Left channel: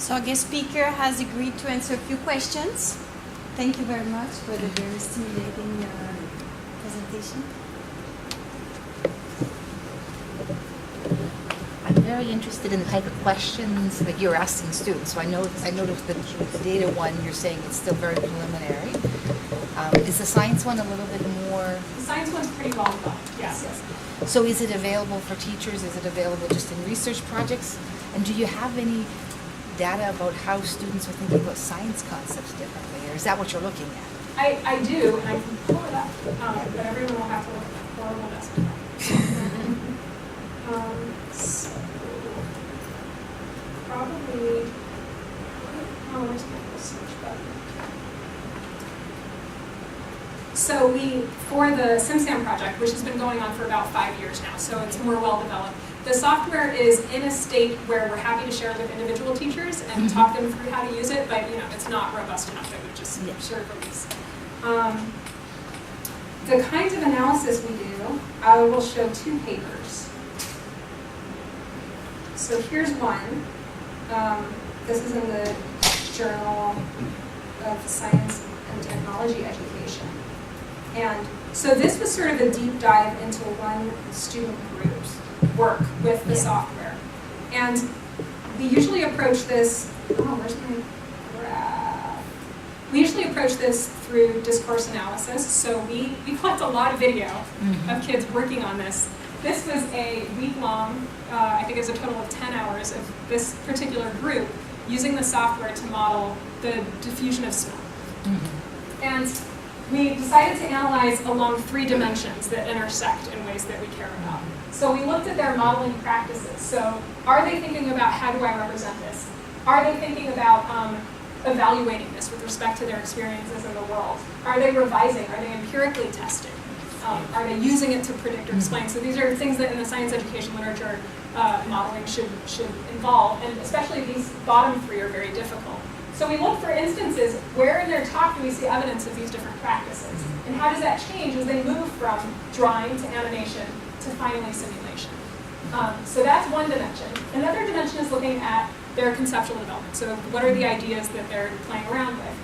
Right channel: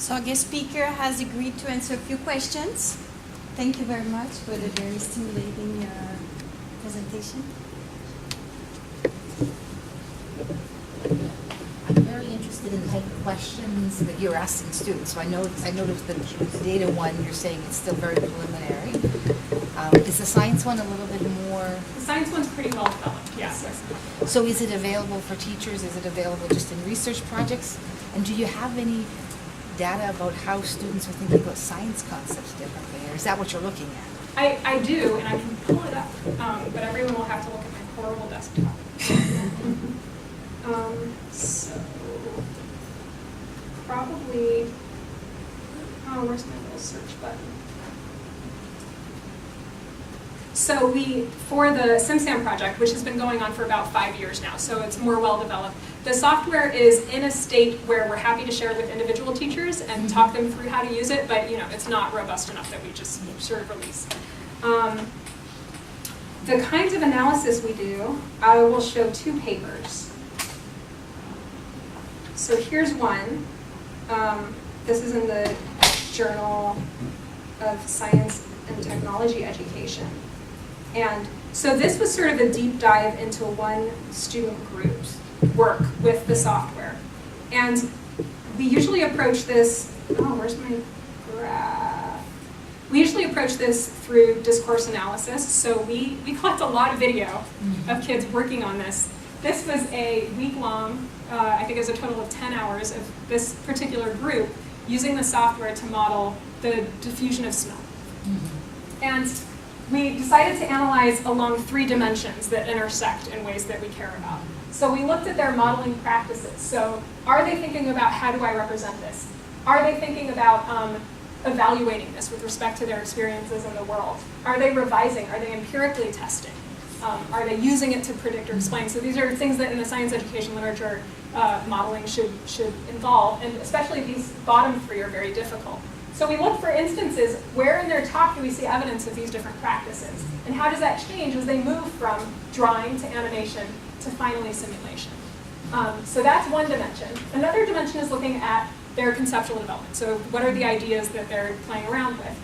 So our guest speaker has agreed to answer a few questions. Thank you very much for the very stimulating presentation. I'm very interested in the type of questions that you're asking students. So I noticed that with the data one, you're saying it's still very preliminary. Is the science one a little bit more? The science one's pretty well developed, yes. So is it available for teachers? Is it available just in research projects? And do you have any data about how students are thinking about science concepts differently, or is that what you're looking at? I do, and I can pull it up, but everyone will have to look at my horrible desktop. So, probably, where's my little search button? So for the SimSam project, which has been going on for about 5 years now, so it's more well developed, the software is in a state where we're happy to share with individual teachers and talk them through how to use it, but it's not robust enough that we just sort of release. The kinds of analysis we do, I will show 2 papers. So here's one. This is in the Journal of Science and Technology Education. And so this was sort of a deep dive into one student group's work with the software. And we usually approach this, where's my graph? We usually approach this through discourse analysis. So we collect a lot of video of kids working on this. This was a week-long, I think it was a total of 10 hours of this particular group using the software to model the diffusion of smell. And we decided to analyze along 3 dimensions that intersect in ways that we care about. So we looked at their modeling practices. So are they thinking about how do I represent this? Are they thinking about evaluating this with respect to their experiences in the world? Are they revising? Are they empirically testing? Are they using it to predict or explain? So these are things that in the science education literature modeling should involve, and especially these bottom 3 are very difficult. So we look for instances where in their talk do we see evidence of these different practices, and how does that change as they move from drawing to animation to finally simulation. So that's one dimension. Another dimension is looking at their conceptual development. So what are the ideas that they're playing around with?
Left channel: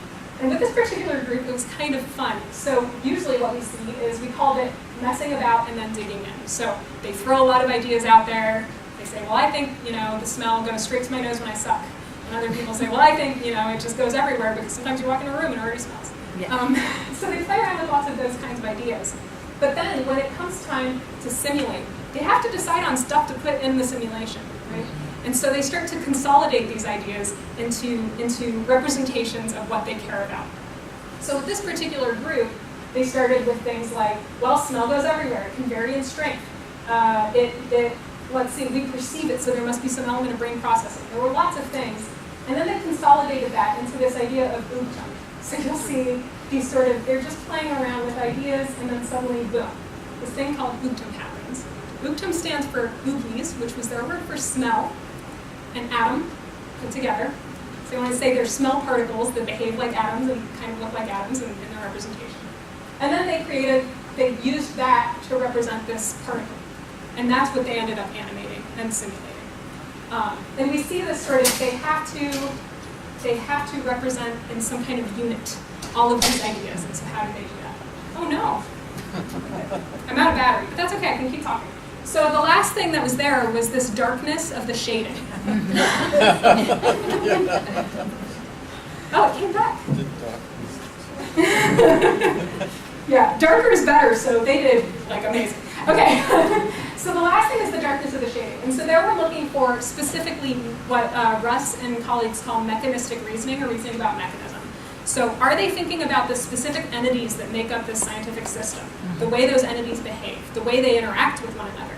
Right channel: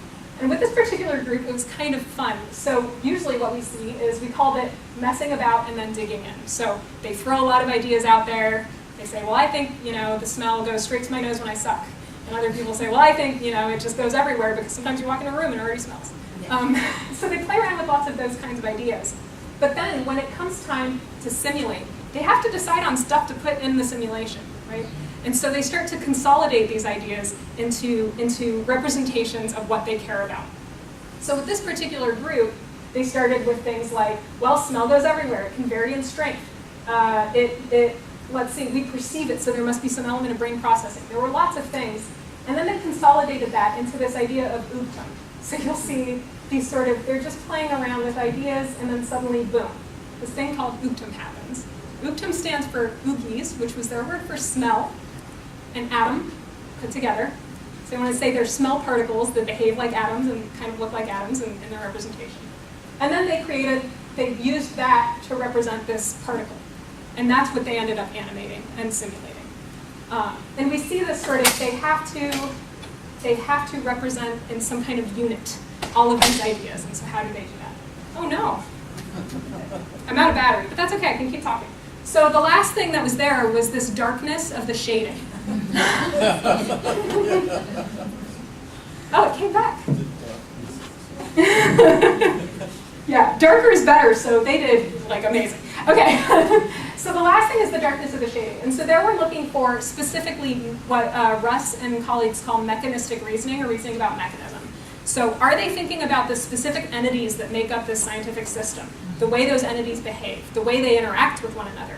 And with this particular group, it was kind of fun. So usually what we see is we called it messing about and then digging in. So they throw a lot of ideas out there. They say, well, I think the smell goes straight to my nose when I suck. And other people say, well, I think it just goes everywhere because sometimes you walk in a room and it already smells. Yeah. So they play around with lots of those kinds of ideas. But then when it comes time to simulate, they have to decide on stuff to put in the simulation, right? And so they start to consolidate these ideas into representations of what they care about. So with this particular group, they started with things like, well, smell goes everywhere. It can vary in strength. Let's see, we perceive it, so there must be some element of brain processing. There were lots of things. And then they consolidated that into this idea of oogtum. So you'll see these they're just playing around with ideas, and then suddenly, boom, this thing called oogtum happens. Oogtum stands for oogies, which was their word for smell, and atom put together. So they want to say they're smell particles that behave like atoms and kind of look like atoms in their representation. And then they used that to represent this particle. And that's what they ended up animating and simulating. And we see this they have to represent in some kind of unit all of these ideas. And so how do they do that? Oh no, I'm out of battery, but that's okay, I can keep talking. So the last thing that was there was this darkness of the shading. Oh, it came back. Yeah, darker is better, so they did amazing. Okay, so the last thing is the darkness of the shading. And so there we're looking for specifically what Russ and colleagues call mechanistic reasoning, or reasoning about mechanism. So are they thinking about the specific entities that make up this scientific system, the way those entities behave, the way they interact with one another?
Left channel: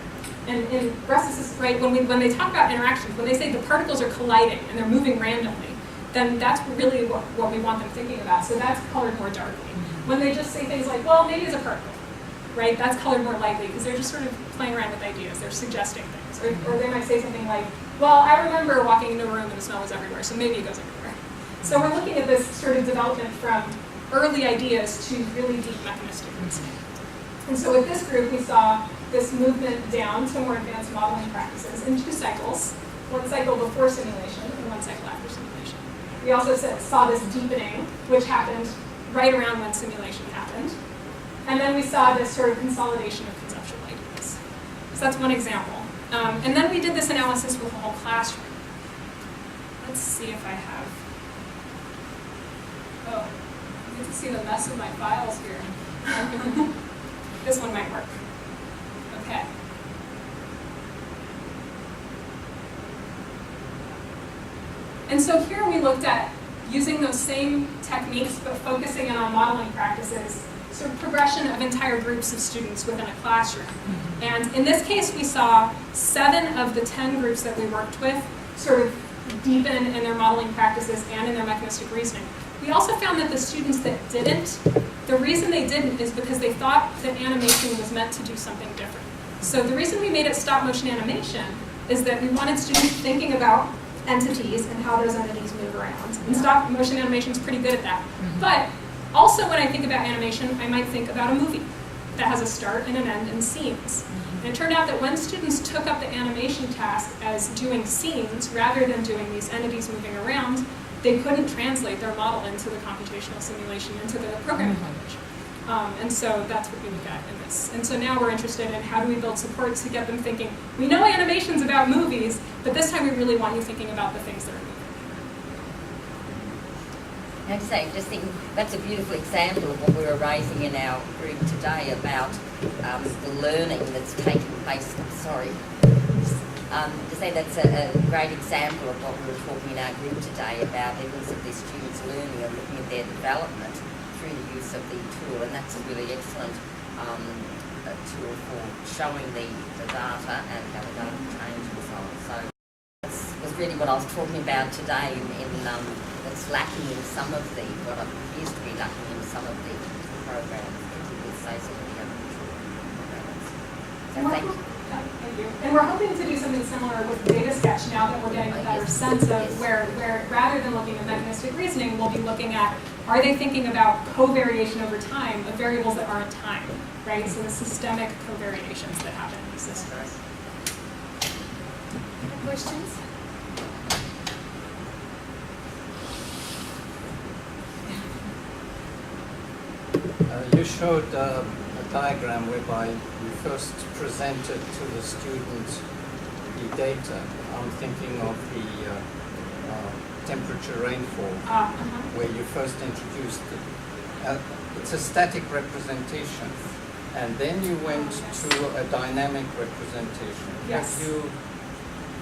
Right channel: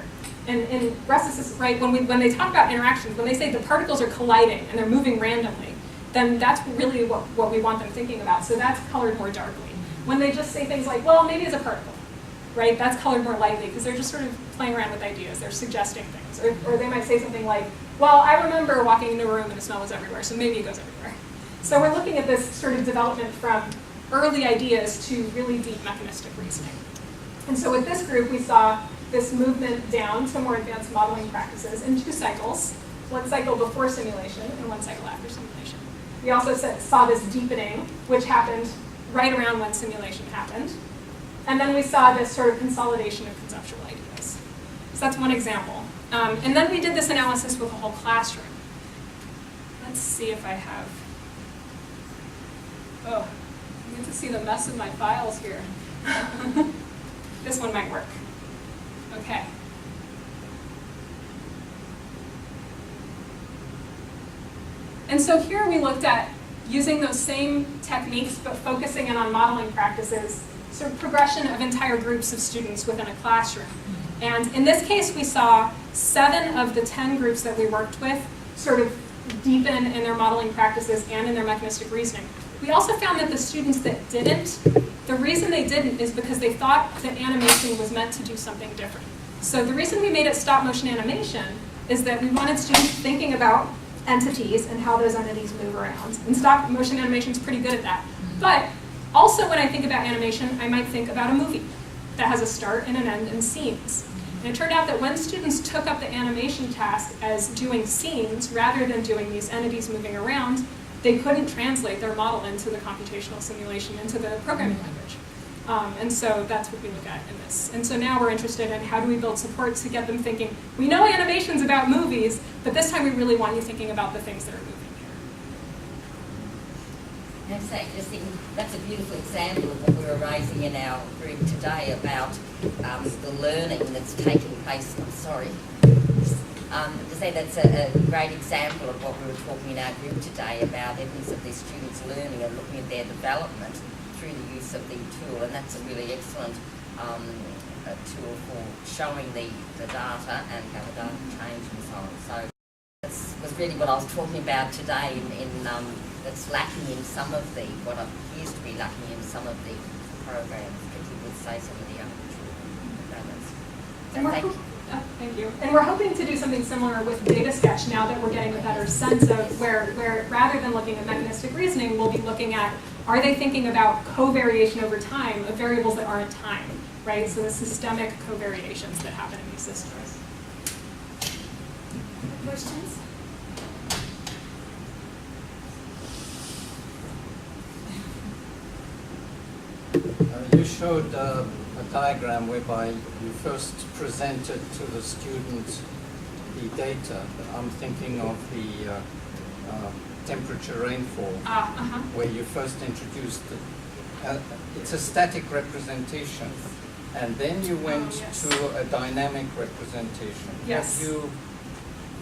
And Russ is right, when they talk about interactions, when they say the particles are colliding and they're moving randomly, then that's really what we want them thinking about. So that's colored more darkly. When they just say things like, well, maybe it's a particle, right? That's colored more lightly because they're just sort of playing around with ideas. They're suggesting things. Or they might say something like, well, I remember walking into a room and the smell was everywhere, so maybe it goes everywhere. So we're looking at this sort of development from early ideas to really deep mechanistic reasoning. And so with this group, we saw this movement down to more advanced modeling practices in 2 cycles, one cycle before simulation and one cycle after simulation. We also saw this deepening, which happened right around when simulation happened. And then we saw this sort of consolidation of conceptual ideas. So that's one example. And then we did this analysis with a whole classroom. Let's see if I have, oh, you get to see the mess of my files here. This one might work. Okay. And so here we looked at using those same techniques, but focusing in on modeling practices, sort of progression of entire groups of students within a classroom. And in this case, we saw 7 of the 10 groups that we worked with sort of deepen in their modeling practices and in their mechanistic reasoning. We also found that the students that didn't, the reason they didn't is because they thought that animation was meant to do something different. So the reason we made it stop motion animation is that we wanted students thinking about entities and how those entities move around. And stop motion animation is pretty good at that. But also when I think about animation, I might think about a movie that has a start and an end and scenes. And it turned out that when students took up the animation task as doing scenes rather than doing these entities moving around, they couldn't translate their model into the computational simulation, into the programming language. And so that's what we look at in this. And so now we're interested in how do we build support to get them thinking, we know animation's about movies, but this time we really want you thinking about the things that are moving here. I'd say, just thinking, that's a beautiful example of what we were raising in our group today about the learning that's taking place. Sorry. To say that's a great example of what we were talking in our group today about evidence of these students learning and looking at their development through the use of the tool, and that's a really excellent tool for showing the data and how the data changes and so on. So that was really what I was talking about today in that's lacking in some of the, what appears to be lacking in some of the programs, particularly say some of the other programs. So thank you. Thank you. And we're hoping to do something similar with Data Sketch now that we're getting a better sense of where rather than looking at mechanistic reasoning, we'll be looking at, are they thinking about covariation over time of variables that aren't time, right? So the systemic covariations that happen in these systems. Questions? You showed a diagram whereby you first presented to the student the data. I'm thinking of the temperature rainfall, where you first introduced it. It's a static representation, and then you went to a dynamic representation. Yes. Have you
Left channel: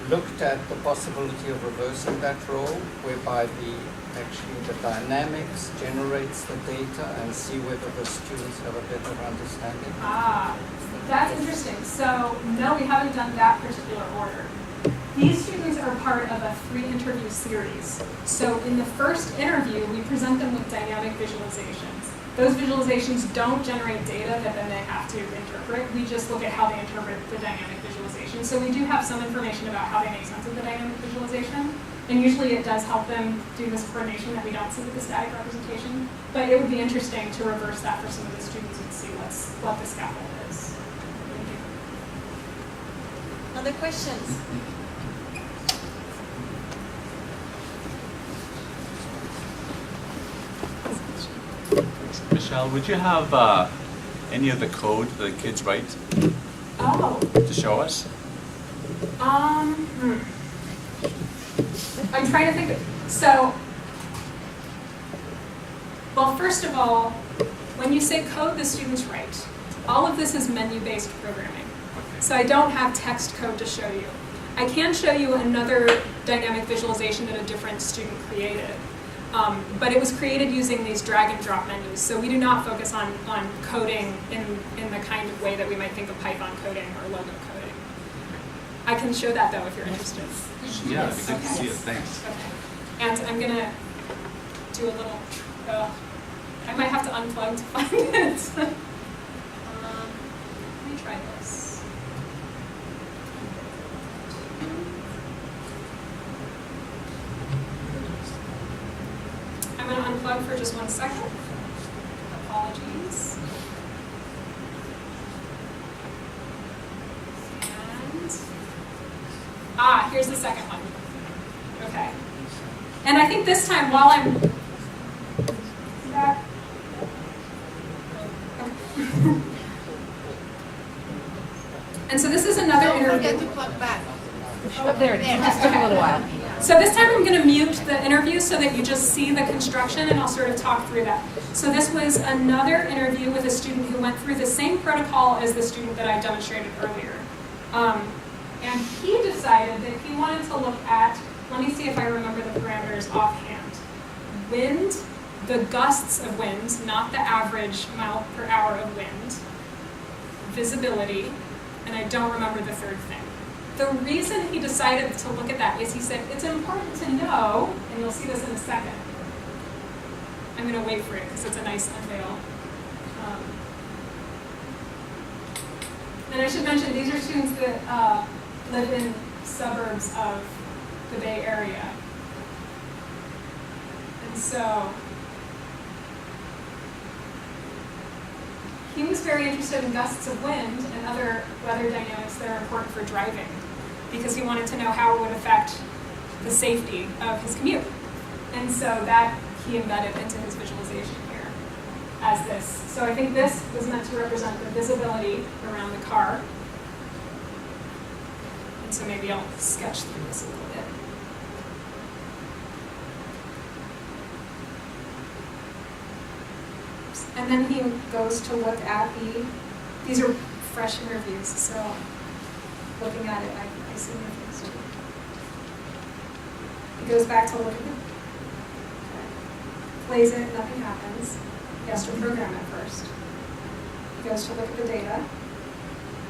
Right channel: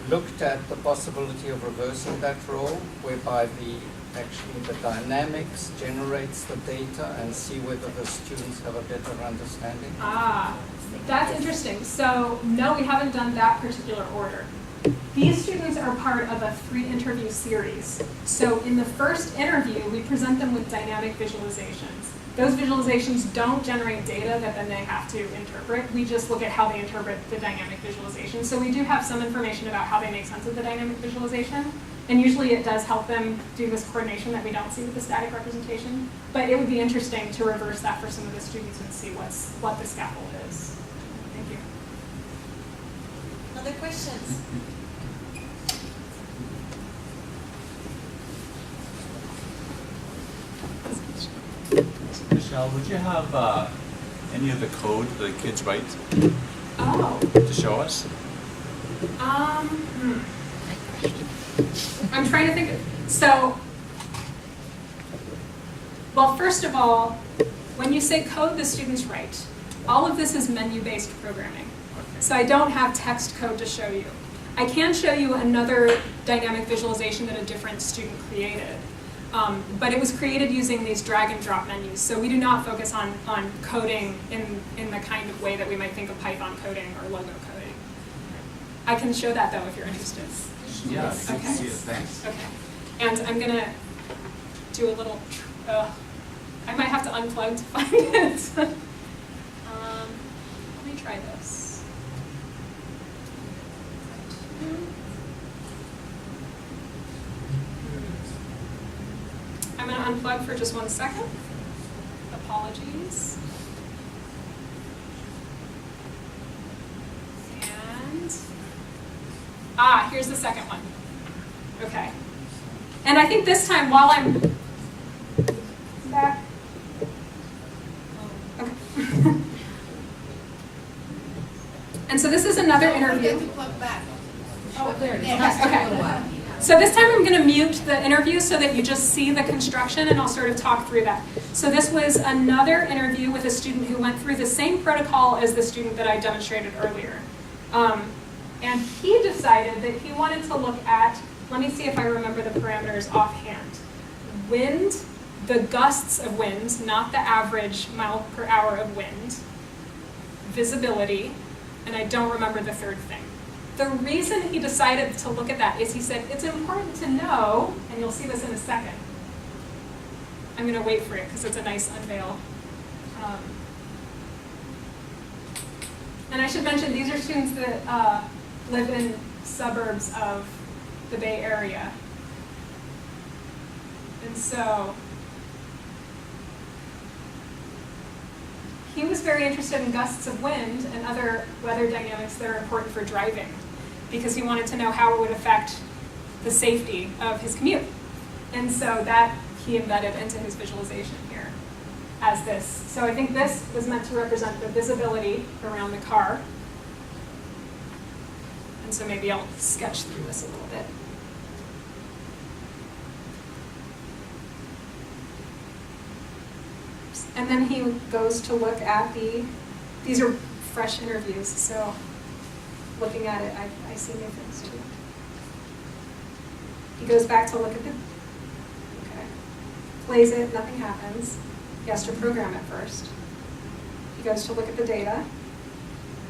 looked at the possibility of reversing that role, whereby actually the dynamics generates the data and see whether the students have a better understanding? That's interesting. So no, we haven't done that particular order. These students are part of a 3-interview series. So in the first interview, we present them with dynamic visualizations. Those visualizations don't generate data that then they have to interpret. We just look at how they interpret the dynamic visualization. So we do have some information about how they make sense of the dynamic visualization. And usually it does help them do this coordination that we don't see with the static representation. But it would be interesting to reverse that for some of the students and see what the scaffold is. Thank you. Other questions? Michelle, would you have any of the code the kids write to show us? I'm trying to think. So, well, first of all, when you say code the students write, all of this is menu-based programming. Okay. So I don't have text code to show you. I can show you another dynamic visualization that a different student created. But it was created using these drag and drop menus. So we do not focus on coding in the kind of way that we might think of Python coding or logo coding. I can show that though if you're interested. Yeah, Yes. I can Okay. see it, thanks. Okay. And I'm gonna do a little, I might have to unplug to find it. Let me try this. I'm gonna unplug for just 1 second. Apologies. And, here's the second one. Okay. And I think this time, while I'm back, okay. And so this is another interview. Oh, there it is. Okay, Let's take a little while. So this time I'm going to mute the interview so that you just see the construction, and I'll sort of talk through that. So this was another interview with a student who went through the same protocol as the student that I demonstrated earlier. And he decided that he wanted to look at, let me see if I remember the parameters offhand. Wind, the gusts of wind, not the average mile per hour of wind. Visibility, and I don't remember the third thing. The reason he decided to look at that is he said, it's important to know, and you'll see this in a second. I'm going to wait for it because it's a nice unveil. And I should mention, these are students that live in suburbs of the Bay Area. And so he was very interested in gusts of wind and other weather dynamics that are important for driving, because he wanted to know how it would affect the safety of his commute. And so that he embedded into his visualization here as this. So I think this was meant to represent the visibility around the car. And so maybe I'll sketch through this a little bit. And then he goes to look at these are fresh interviews, so looking at it, I see new things too. He goes back to look at plays it, nothing happens. He has to program it first. He goes to look at the data.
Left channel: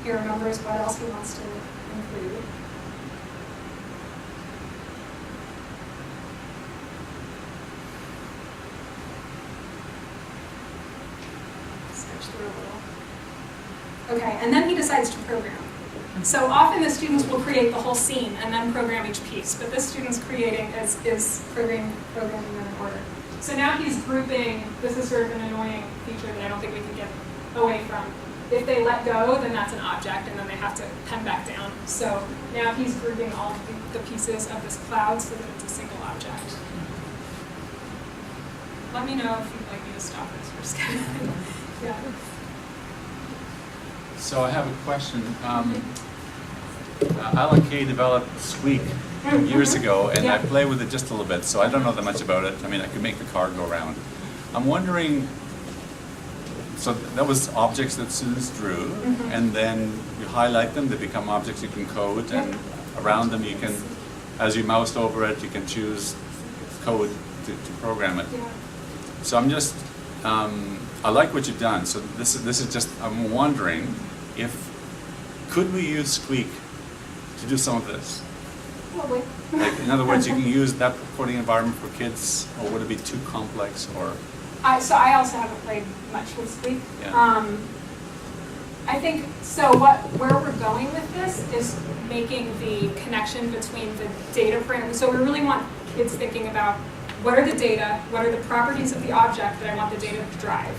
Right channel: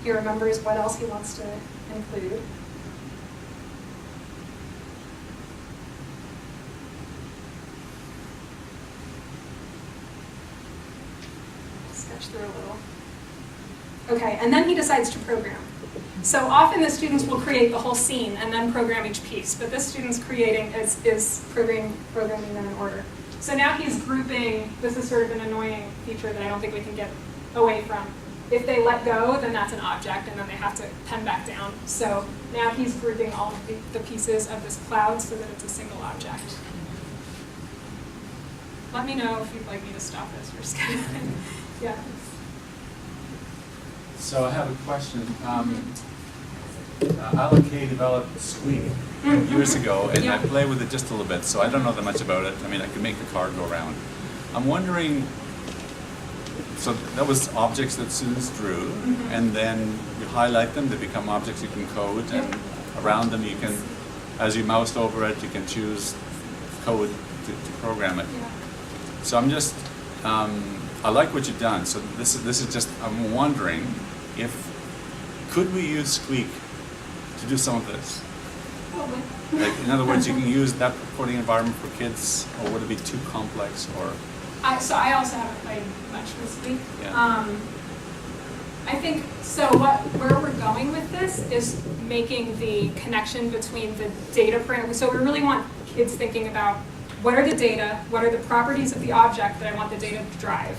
He remembers what else he wants to include. Sketch through a little. Okay, and then he decides to program. So often the students will create the whole scene and then program each piece, but this student's creating is programming them in order. So now he's grouping. This is sort of an annoying feature that I don't think we can get away from. If they let go, then that's an object, and then they have to pen back down. So now he's grouping all of the pieces of this cloud so that it's a single object. Let me know if you'd like me to stop this for scheduling. Yeah. So I have a question. Alan Kay developed Squeak years ago, and I play with it just a little bit, so I don't know that much about it. I mean, I could make the car go around. I'm wondering, so that was objects that students drew, and then you highlight them, they become objects you can code, and around them you can, as you mouse over it, you can choose code to program it. So I'm just, I like what you've done. So this is just, I'm wondering could we use Squeak to do some of this? Probably. Like, in other words, you can use that coding environment for kids, or would it be too complex, or? So I also haven't played much with Squeak. Yeah. I think, so where we're going with this is making the connection between the data parameters. So we really want kids thinking about what are the data, what are the properties of the object that I want the data to drive,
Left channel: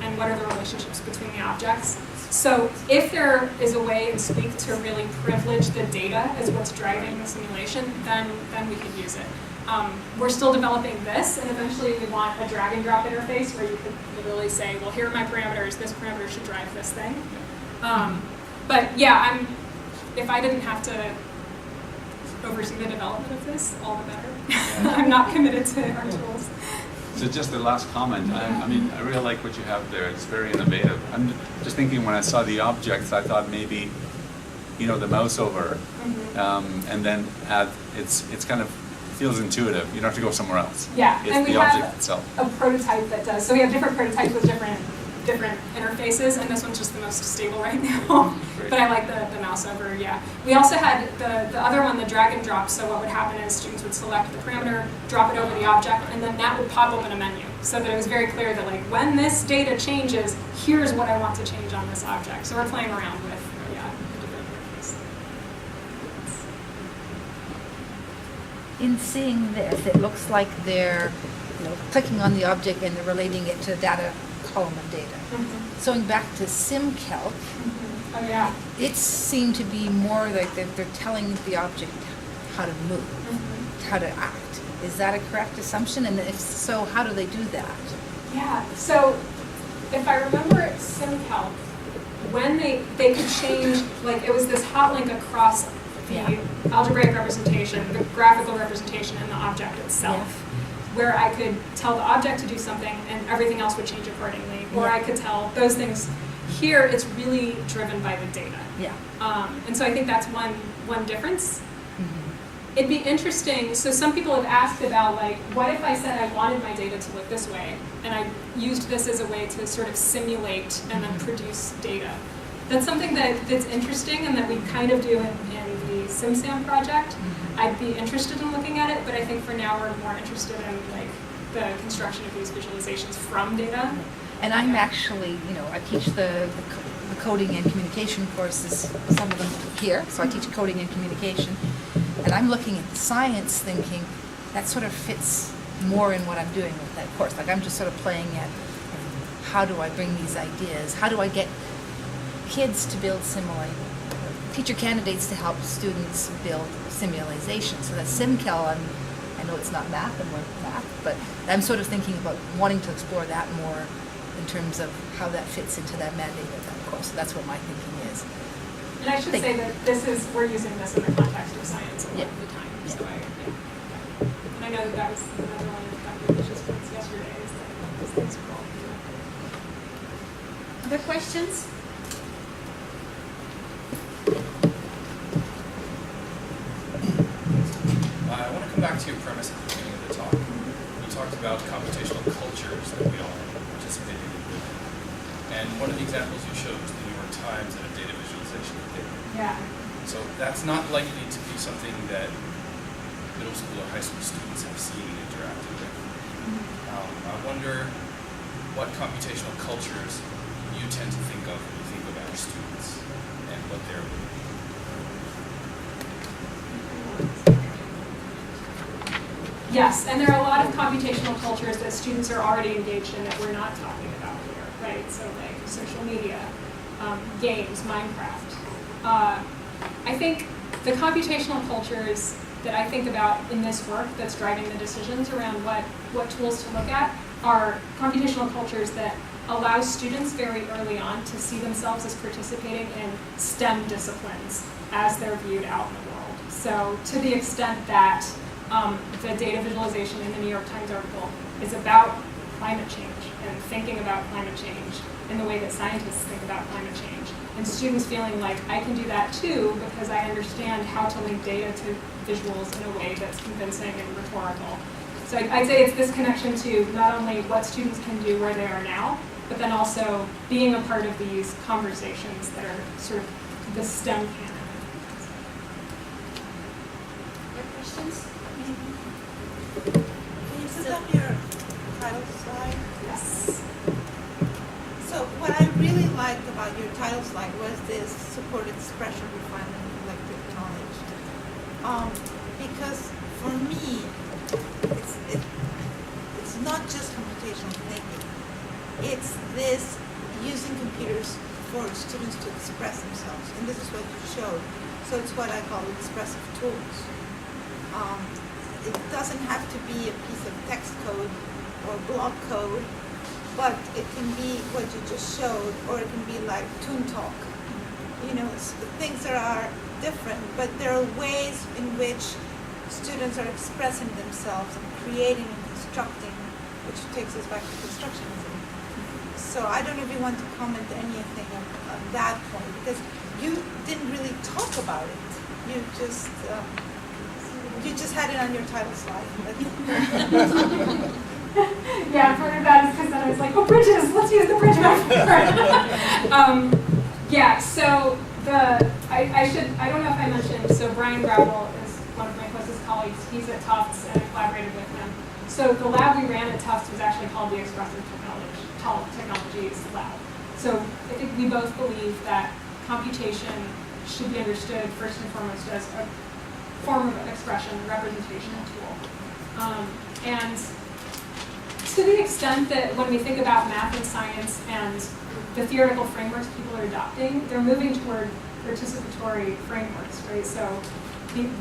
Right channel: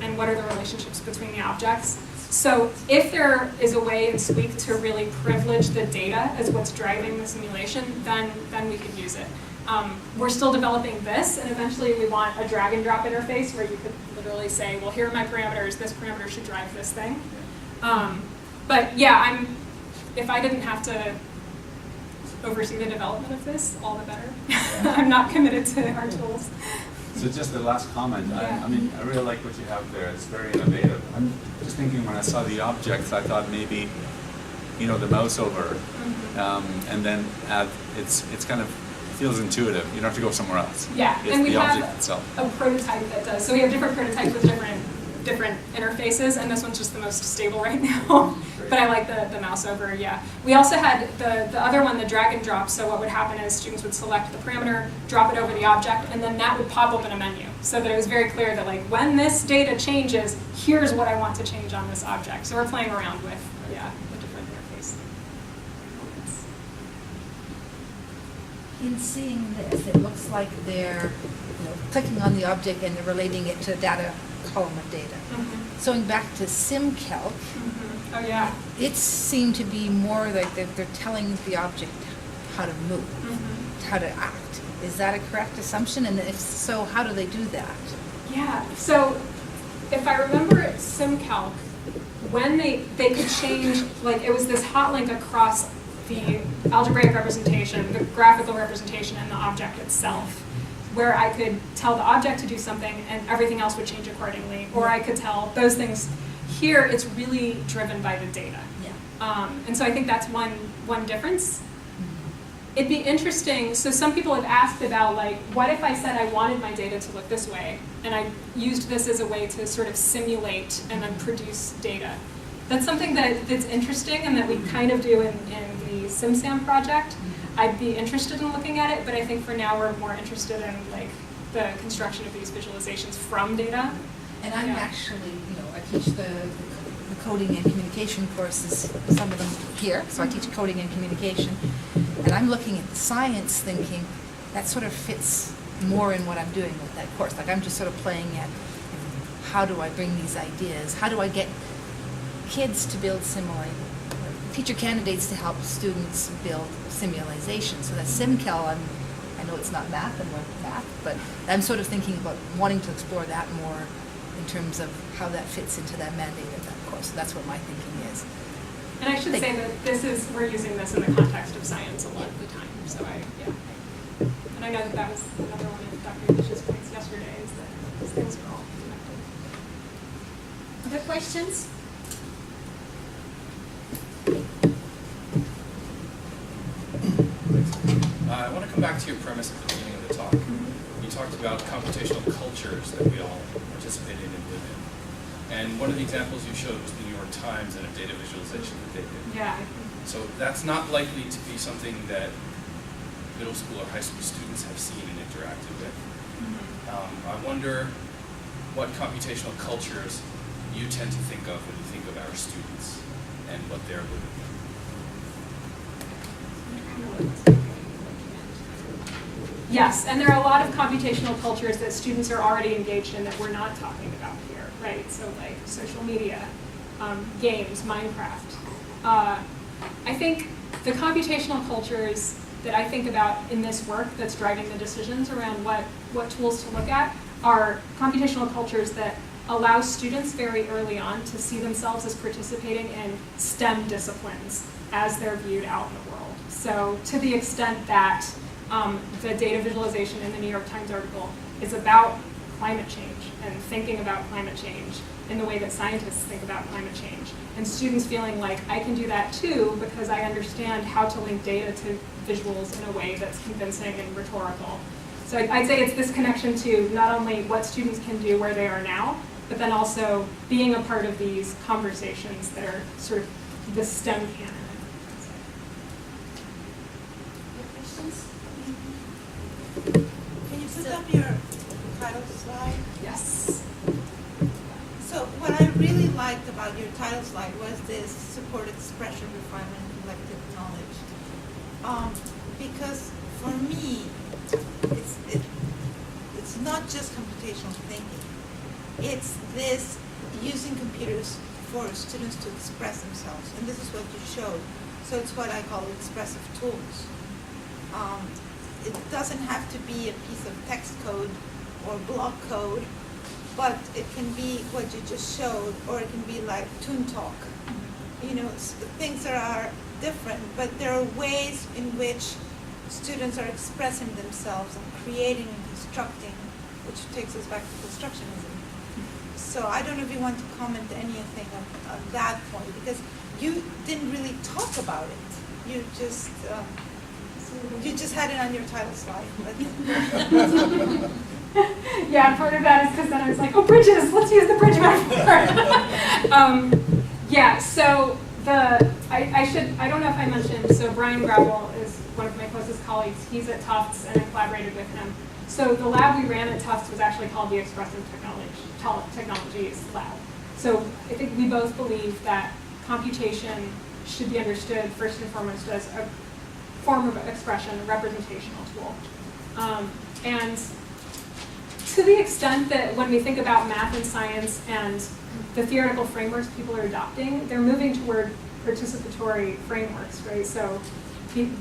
and what are the relationships between the objects. So if there is a way in Squeak to really privilege the data as what's driving the simulation, then we could use it. We're still developing this, and eventually we want a drag and drop interface where you could literally say, well, here are my parameters, this parameter should drive this thing. But yeah, if I didn't have to oversee the development of this, all the better. I'm not committed to our tools. So just the last comment, I mean, I really like what you have there. It's very innovative. I'm just thinking when I saw the objects, I thought maybe, the mouse over, and then add, it's kind of, feels intuitive. You don't have to go somewhere else. Yeah, it's and we the have object itself. a prototype that does. So we have different prototypes with different interfaces, and this one's just the most stable right now. But I like the mouse over, yeah. We also had the other one, the drag and drop. So what would happen is students would select the parameter, drop it over the object, and then that would pop open a menu. So that it was very clear that like when this data changes, here's what I want to change on this object. So we're playing around with, the different interface. In seeing this, it looks like they're clicking on the object and they're relating it to the data column of data. So going back to SimCalc, Oh yeah. it seemed to be more like they're telling the object how to move, how to act. Is that a correct assumption? And if so, how do they do that? Yeah, so if I remember at SimCalc, when they could change, like it was this hot link across the algebraic representation, the graphical representation, and the object itself, where I could tell the object to do something and everything else would change accordingly, or I could tell those things. Here, it's really driven by the data. Yeah. And so I think that's one difference. It'd be interesting, so some people have asked about like, what if I said I wanted my data to look this way, and I used this as a way to sort of simulate and then produce data. That's something that's interesting and that we kind of do in the SimSam project. I'd be interested in looking at it, but I think for now we're more interested in like the construction of these visualizations from data. And I'm actually, I teach the coding and communication courses, some of them here, so I teach coding and communication. And I'm looking at the science thinking, that sort of fits more in what I'm doing with that course. Like I'm just sort of playing at how do I bring these ideas, how do I get kids to build teacher candidates to help students build simulation. So that's SimCal, I know it's not math and we're math, but I'm sort of thinking about wanting to explore that more in terms of how that fits into that mandate of that course. So that's what my thinking is. And I should say that we're using this in the context of science a lot of the time. So and I know that was another one of Dr. Bish's points yesterday, is that these things are all connected. Other questions? I want to come back to your premise at the beginning of the talk. You talked about computational cultures that we all participate in and live in. And one of the examples you showed was the New York Times and a data visualization that they did. Yeah. So that's not likely to be something that middle school or high school students have seen and interacted with. I wonder what computational cultures you tend to think of when you think of our students and what they're living. Yes, and there are a lot of computational cultures that students are already engaged in that we're not talking about here, right? So like social media, games, Minecraft. I think the computational cultures that I think about in this work that's driving the decisions around what tools to look at are computational cultures that allow students very early on to see themselves as participating in STEM disciplines as they're viewed out in the world. So to the extent that the data visualization in the New York Times article is about climate change and thinking about climate change in the way that scientists think about climate change, and students feeling like I can do that too because I understand how to link data to visuals in a way that's convincing and rhetorical. So I'd say it's this connection to not only what students can do where they are now, but then also being a part of these conversations that are sort of the STEM canon. Other questions? Can you put up your title slide? Yes. So what I really liked about your title slide was this supported expression, refinement, collective knowledge. Because for me, it's not just computational thinking. It's this using computers for students to express themselves, and this is what you showed. So it's what I call expressive tools. It doesn't have to be a piece of text code or block code, but it can be what you just showed, or it can be like Toon Talk. Things that are different, but there are ways in which students are expressing themselves and creating and constructing, which takes us back to constructionism. So I don't know if you want to comment anything on that point, because you didn't really talk about it. You just had it on your title slide. Yeah, part of that is because then I was like, oh, bridges, let's use the bridge metaphor. So I don't know if I mentioned, so Brian Gravel is one of my closest colleagues. He's at Tufts and I collaborated with him. So the lab we ran at Tufts was actually called the Expressive Technologies Lab. So I think we both believe that computation should be understood first and foremost as a form of expression, a representational tool. And to the extent that when we think about math and science and the theoretical frameworks people are adopting, they're moving toward participatory frameworks, right? So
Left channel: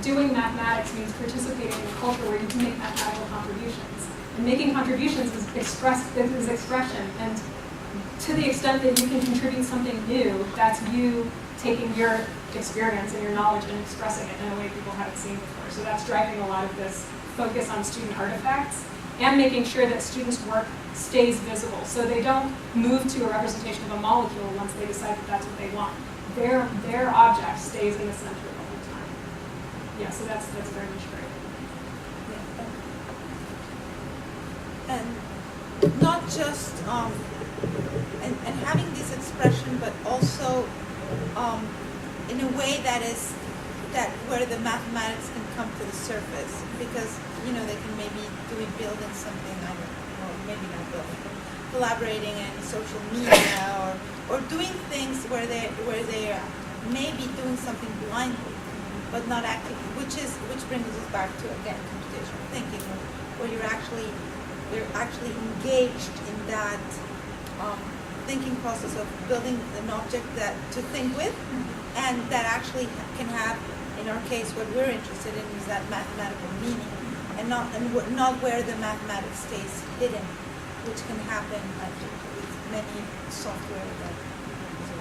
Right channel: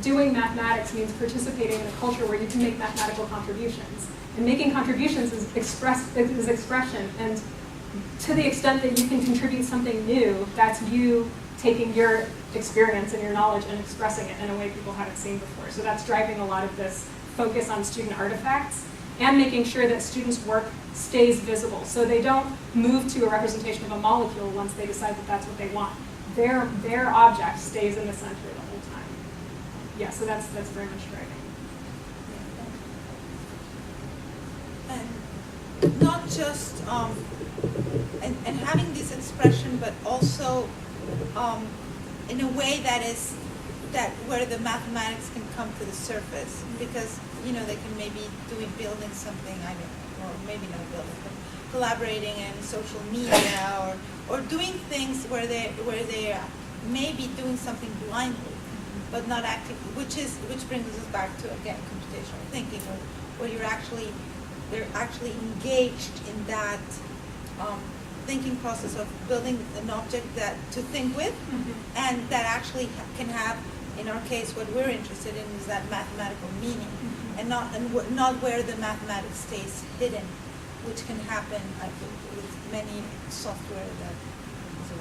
doing mathematics means participating in a culture where you can make mathematical contributions. And making contributions is expression. And to the extent that you can contribute something new, that's you taking your experience and your knowledge and expressing it in a way people haven't seen before. So that's driving a lot of this focus on student artifacts and making sure that students' work stays visible. So they don't move to a representation of a molecule once they decide that that's what they want. Their object stays in the center the whole time. Yeah, so that's very much driving. And not just and having this expression, but also in a way that where the mathematics can come to the surface, because they can maybe do it building something, I don't know, or maybe not building, but collaborating in social media or doing things where they are maybe doing something blindly, but not actively, which brings us back to again computational thinking, where they're actually engaged in that thinking process of building an object to think with, and that actually can have, in our case, what we're interested in is that mathematical meaning, and not where the mathematics stays hidden, which can happen, I think, with many software that is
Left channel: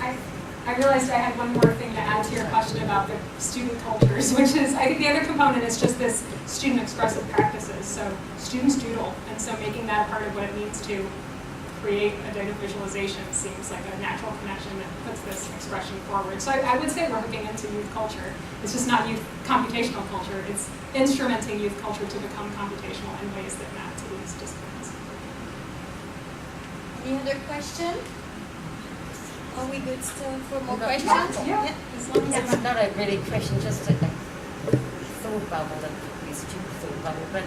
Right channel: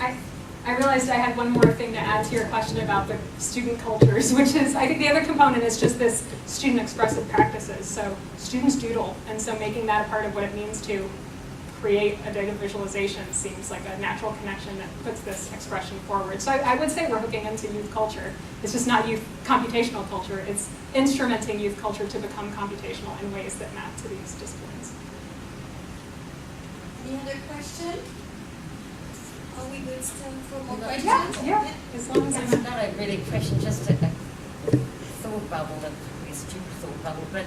around. I realized I had one more thing to add to your question about the student cultures, which is, I think the other component is just this student expressive practices. So students doodle, and so making that a part of what it means to create a data visualization seems like a natural connection that puts this expression forward. So I would say we're hooking into youth culture. It's just not youth computational culture, it's instrumenting youth culture to become computational in ways that map to these disciplines. Any other question? Are we good still for more Yeah. questions? Yeah, as long as It's it's not a really question, just a thought bubble, a stupid thought bubble. But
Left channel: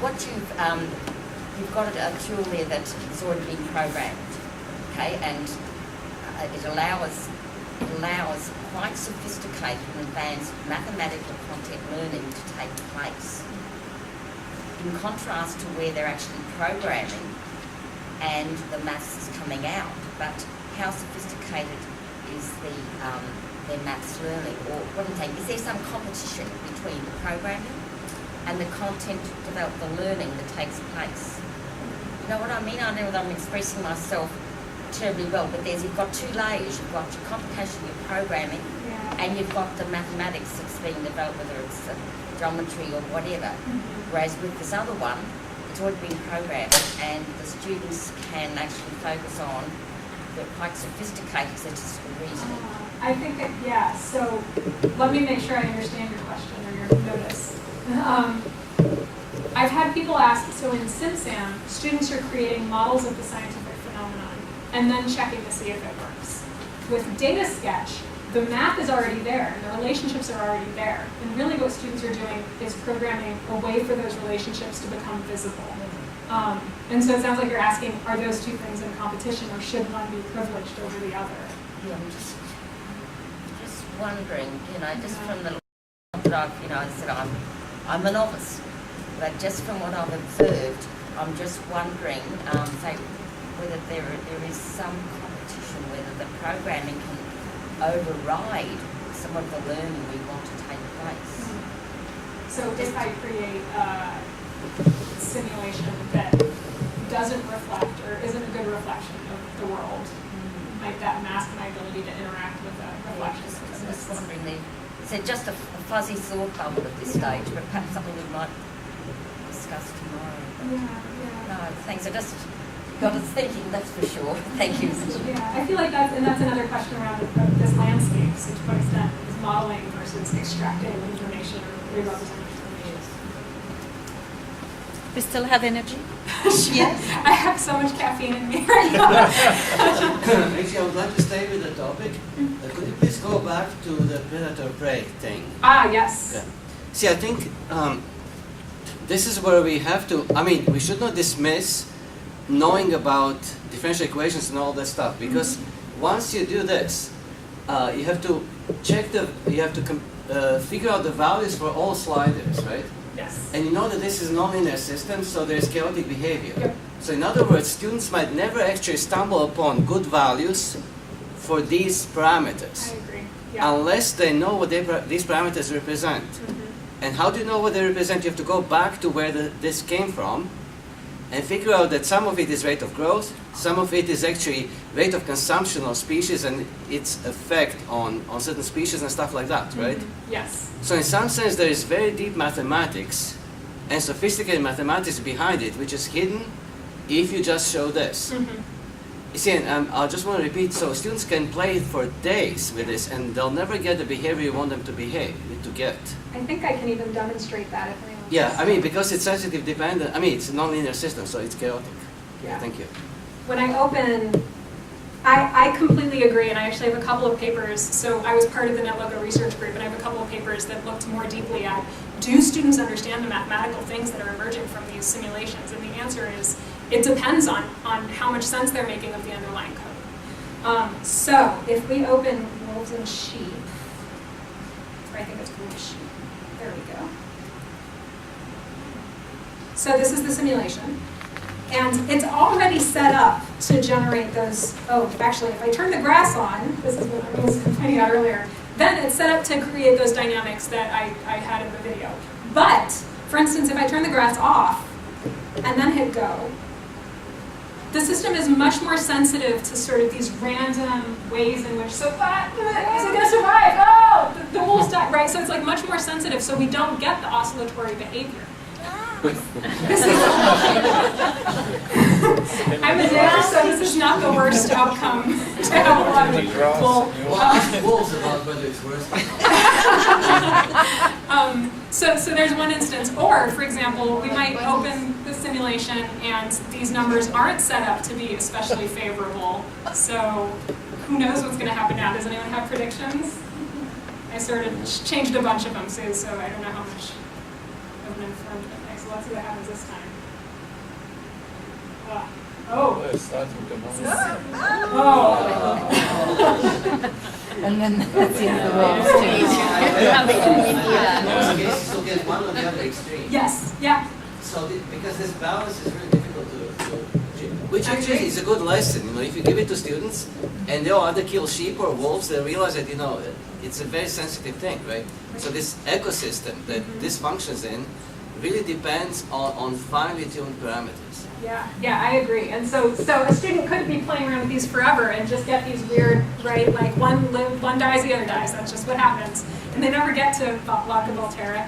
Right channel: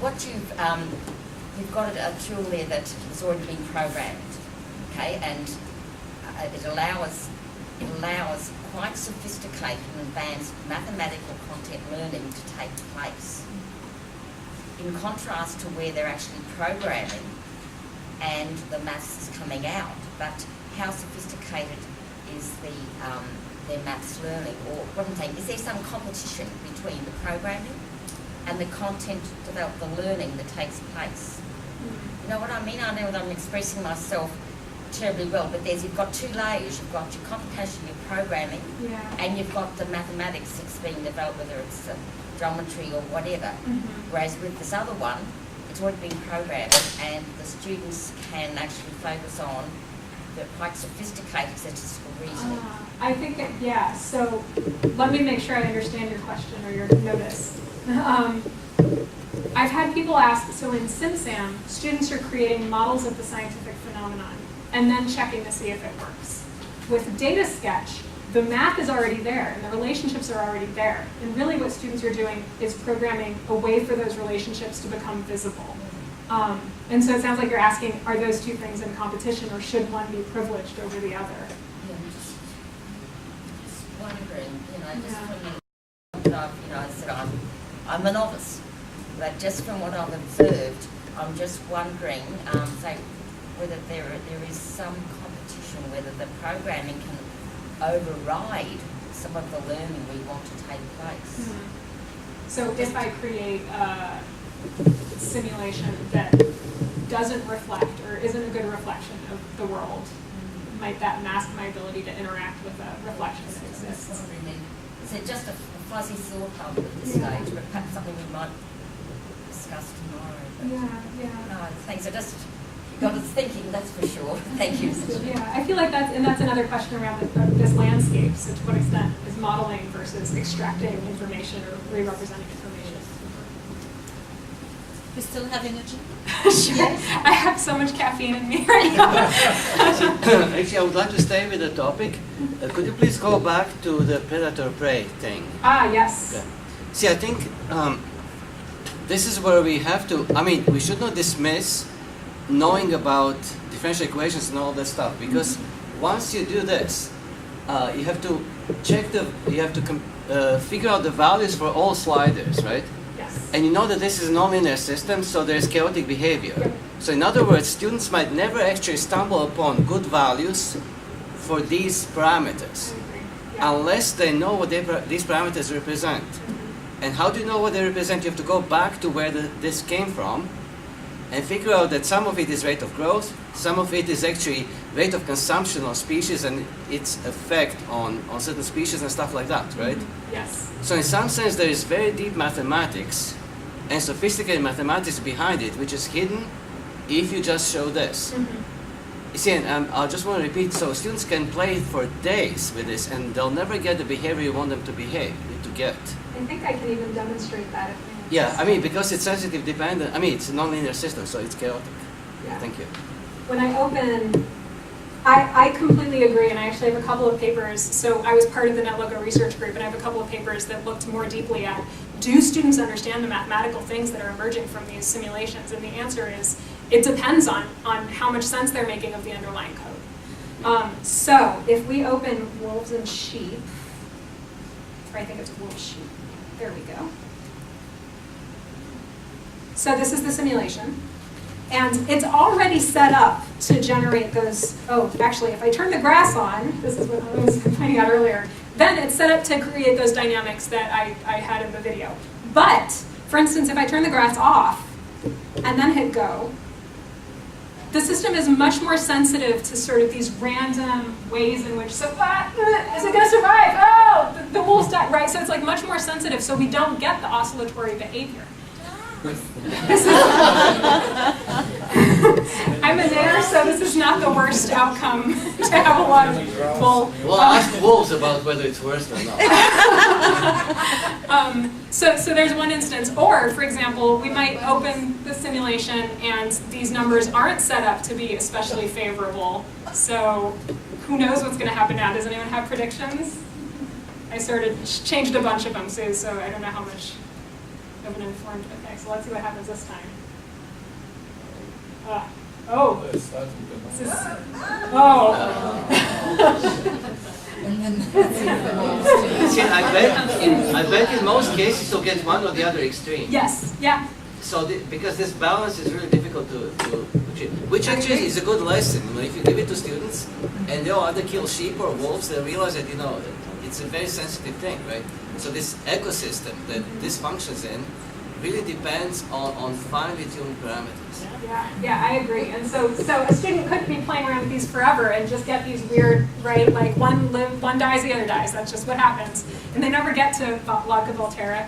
what you've got a tool there that has already been programmed, okay, and it allows quite sophisticated and advanced mathematical content learning to take place. In contrast to where they're actually programming and the maths is coming out, but how sophisticated is their maths learning? Or what I'm saying, is there some competition between the programming and the content developed, the learning that takes place? You know what I mean? I know that I'm expressing myself terribly well, but you've got two layers. You've got your computation, your programming, and you've got the mathematics that's being developed, whether it's geometry or whatever. Whereas with this other one, it's already been programmed, and the students can actually focus on the quite sophisticated statistical reasoning. I think that, yeah, so let me make sure I understand your question or your notice. I've had people ask, so in SimSam, students are creating models of the scientific phenomenon and then checking to see if it works. With DataSketch, the math is already there and the relationships are already there. And really what students are doing is programming a way for those relationships to become visible. And so it sounds like you're asking, are those two things in competition or should one be privileged over the other? Yeah, I'm just wondering, just from the that I've, I said I'm a novice, but just from what I've observed, I'm just wondering, say, whether there is some competition, whether the programming can override some of the learning we want to take place. So if I create a simulation that doesn't reflect or isn't a good reflection of the world, might that mask my ability to interact with a reflection that I'm exists? just wondering, it's just a fuzzy thought bubble at this stage, but perhaps something we might discuss tomorrow. But no, thanks. I just got us thinking, that's for sure. Thank you. Yeah, I feel like that's another question around this landscape. So to what extent is modeling versus extracting information or re-representing information? We still have energy? Yes. I have so much caffeine in me right now. Actually, I would like to stay with the topic. Could you please go back to the predator-prey thing? Yes. Okay. See, I think this is where we have to, we should not dismiss knowing about differential equations and all that stuff, because once you do this, you have to figure out the values for all sliders, right? Yes. And you know that this is a nonlinear system, so there's chaotic behavior. Yep. So in other words, students might never actually stumble upon good values for these parameters. I agree. Yeah. unless they know what these parameters represent. And how do you know what they represent? You have to go back to where this came from and figure out that some of it is rate of growth, some of it is actually rate of consumption of species and its effect on certain species and stuff like that, right? Yes. So in some sense there is very deep mathematics and sophisticated mathematics behind it, which is hidden if you just show this. You see, and I just want to repeat, so students can play for days with this and they'll never get the behavior you want them to get. I think I can even demonstrate that if anyone Yeah, wants I to. mean, because it's sensitive dependent, I mean, it's a nonlinear system, so it's chaotic. Yeah. Thank you. When I open, I completely agree, and I actually have a couple of papers. So I was part of the NetLogo research group, and I have a couple of papers that looked more deeply at, do students understand the mathematical things that are emerging from these simulations? And the answer is, it depends on how much sense they're making of the underlying code. So if we open wolves and sheep, or I think it's wolf sheep, there we go. So this is the simulation. And it's already set up to generate those, oh, actually, if I turn the grass on, this is what I was pointing out earlier, then it's set up to create those dynamics that I had in the video. But, for instance, if I turn the grass off and then hit go, the system is much more sensitive to sort of these random ways in which, so, is it going to survive? Oh, the wolves died, right? So it's like much more sensitive, so we don't get the oscillatory behavior. This is, I'm a knitter, so this is not the worst outcome to have a lot of wool. Well, ask wolves about whether it's worse or not. So there's one instance, or for example, we might open the simulation and these numbers aren't set up to be especially favorable. So who knows what's going to happen now? Does anyone have predictions? I sort of changed a bunch of them, so I don't know how much of an informed effect. So let's see what happens this time. Oh. And then that's the end of the wolves. I bet in most cases you'll get one or the other extreme. Yes, yeah. So because this balance is really difficult to achieve, which actually is a good lesson. You know, if you give it to students and they'll either kill sheep or wolves, they realize that it's a very sensitive thing, right? So this ecosystem that this functions in really depends on finely tuned parameters. Yeah, I agree. And so a student could be playing around with these forever and just get these weird, right, like one dies, the other dies. That's just what happens. And they never get to Log of Volterra.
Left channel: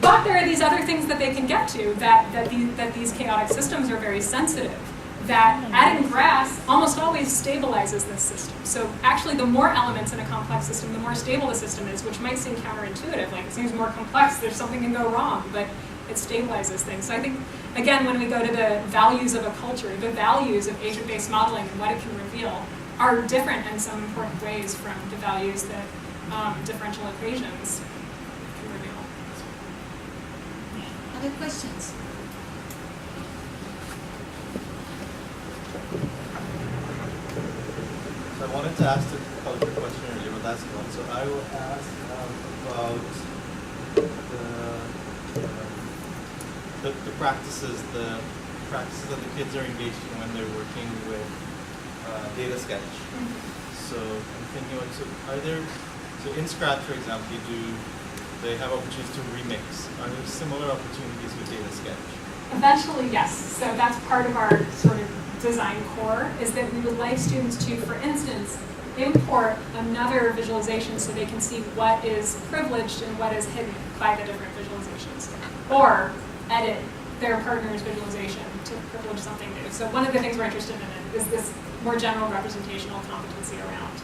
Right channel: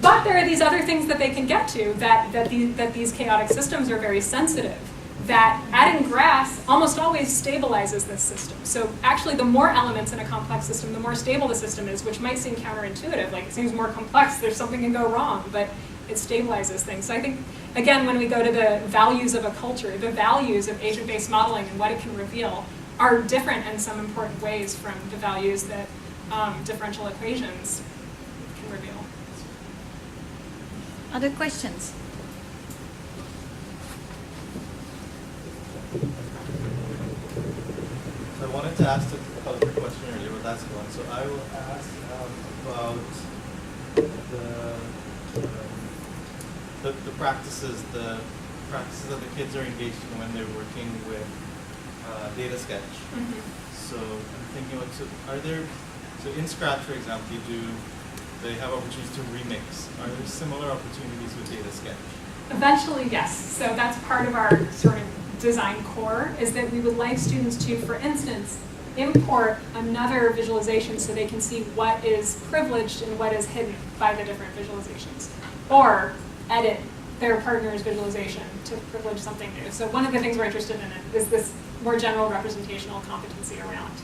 But there are these other things that they can get to that these chaotic systems are very sensitive. That adding grass almost always stabilizes this system. So actually the more elements in a complex system, the more stable the system is, which might seem counterintuitive, like it seems more complex, there's something can go wrong, but it stabilizes things. So I think, again, when we go to the values of a culture, the values of agent-based modeling and what it can reveal are different in some important ways from the values that differential equations can reveal. Other questions? I wanted to ask the culture question earlier, but that's one. So I will ask about the practices that the kids are engaged in when they're working with data sketch. So I'm thinking about, so in Scratch, for example, they have opportunities to remix. Are there similar opportunities with data sketch? Eventually, yes. So that's part of our sort of design core, is that we would like students to, for instance, import another visualization so they can see what is privileged and what is hidden by the different visualizations. Or edit their partner's visualization to privilege something new. So one of the things we're interested in is this more general representational competency around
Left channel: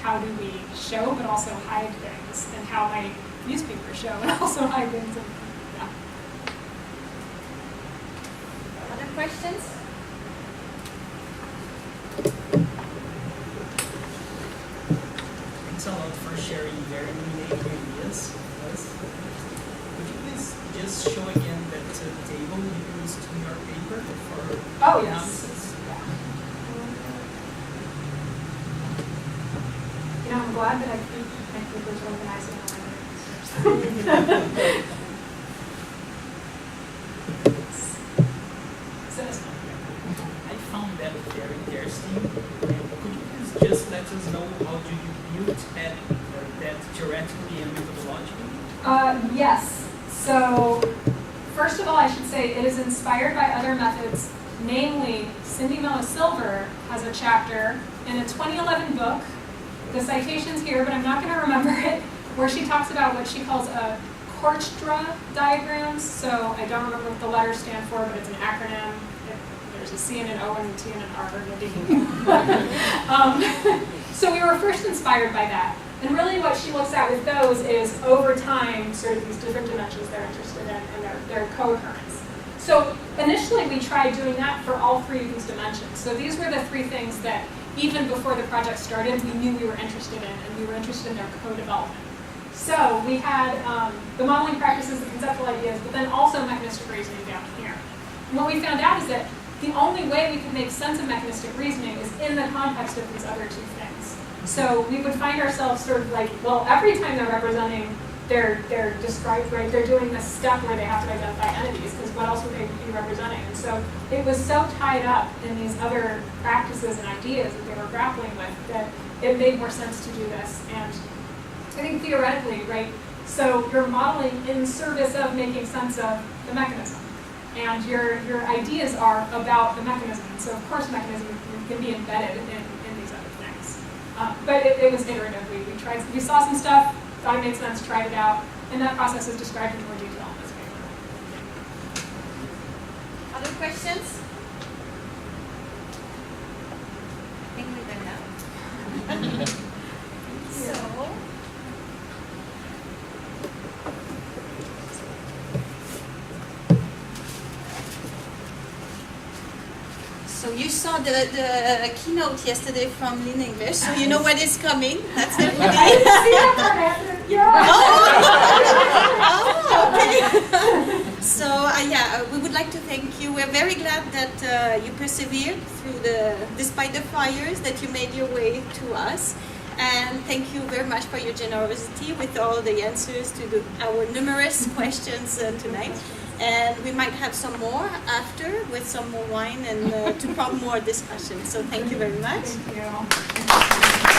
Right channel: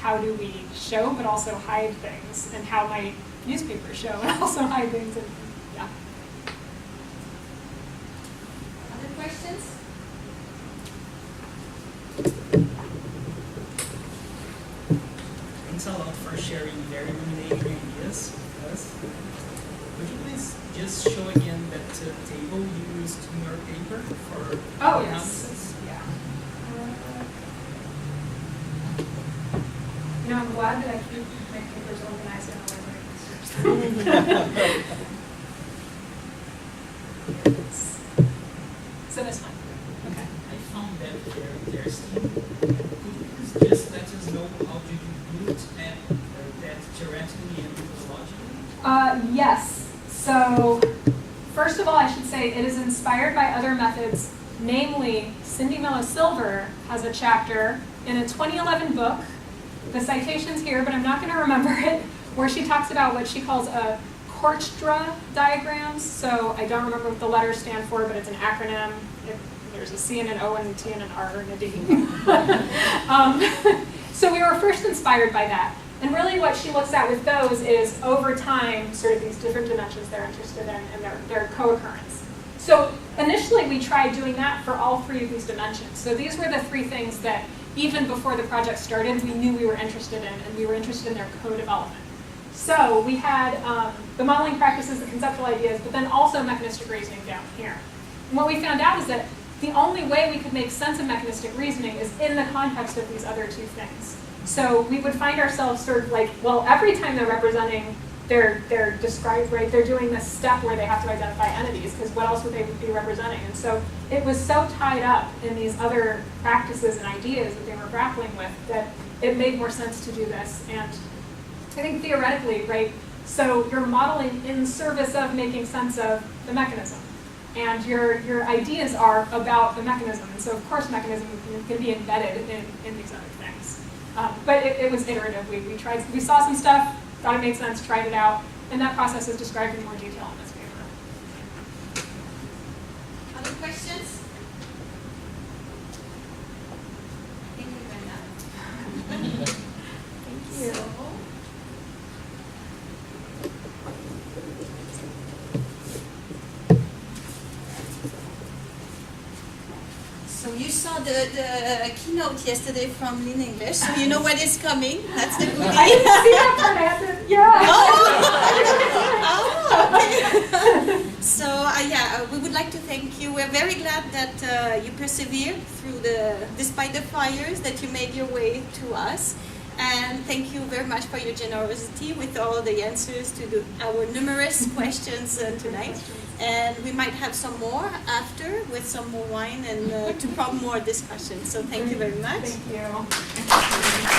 how do we show but also hide things, and how might newspapers show and also hide things. And, yeah. Other questions? Thanks a lot for sharing very illuminating ideas with us. Could you please just show again that table you used in your paper for analysis? Yeah. You know, I'm glad that I keep my papers organized in a So this one. I found that very interesting. And could you please just let us know how do you build that So, first of all, I should say it is inspired by other methods, namely Cindy Mello Silver has a chapter in a 2011 book, the citation's here, but I'm not going to remember it, where she talks about what she calls a Kortstra diagrams. So I don't remember what the letters stand for, but it's an acronym. There's a C and an O and a T and an R and a D. So we were first inspired by that. And really what she looks at with those is, over time, sort of these different dimensions they're interested in and their co-occurrence. So initially we tried doing that for all three of these dimensions. So these were the three things that, even before the project started, we knew we were interested in, and we were interested in their co-development. So we had the modeling practices, the conceptual ideas, but then also mechanistic reasoning down here. And what we found out is that the only way we could make sense of mechanistic reasoning is in the context of these other two things. So we would find ourselves sort of like, well, every time they're representing, they're described, right? They're doing this step where they have to identify entities, because what else would they be representing? And so it was so tied up in these other practices and ideas that they were grappling with that it made more sense to do this. And I think theoretically, right, so you're modeling in service of making sense of the mechanism. And your ideas are about the mechanism. And so, of course, mechanism can be embedded in these other things. But it was iterative. We saw some stuff, thought it made sense, tried it out, and that process is described in more detail in this paper. Other questions? I think we're good now. Thank you. So you saw the keynote yesterday from Lean English, so you know what is coming. That's the movie. I didn't see that part. Yeah. Oh, okay. So yeah, we would like to thank you. We're very glad that you persevered through despite the fires, that you made your way to us. And thank you very much for your generosity with all the answers to our numerous questions tonight. And we might have some more after with some more wine and to prompt more discussion. So thank you very much. Thank you.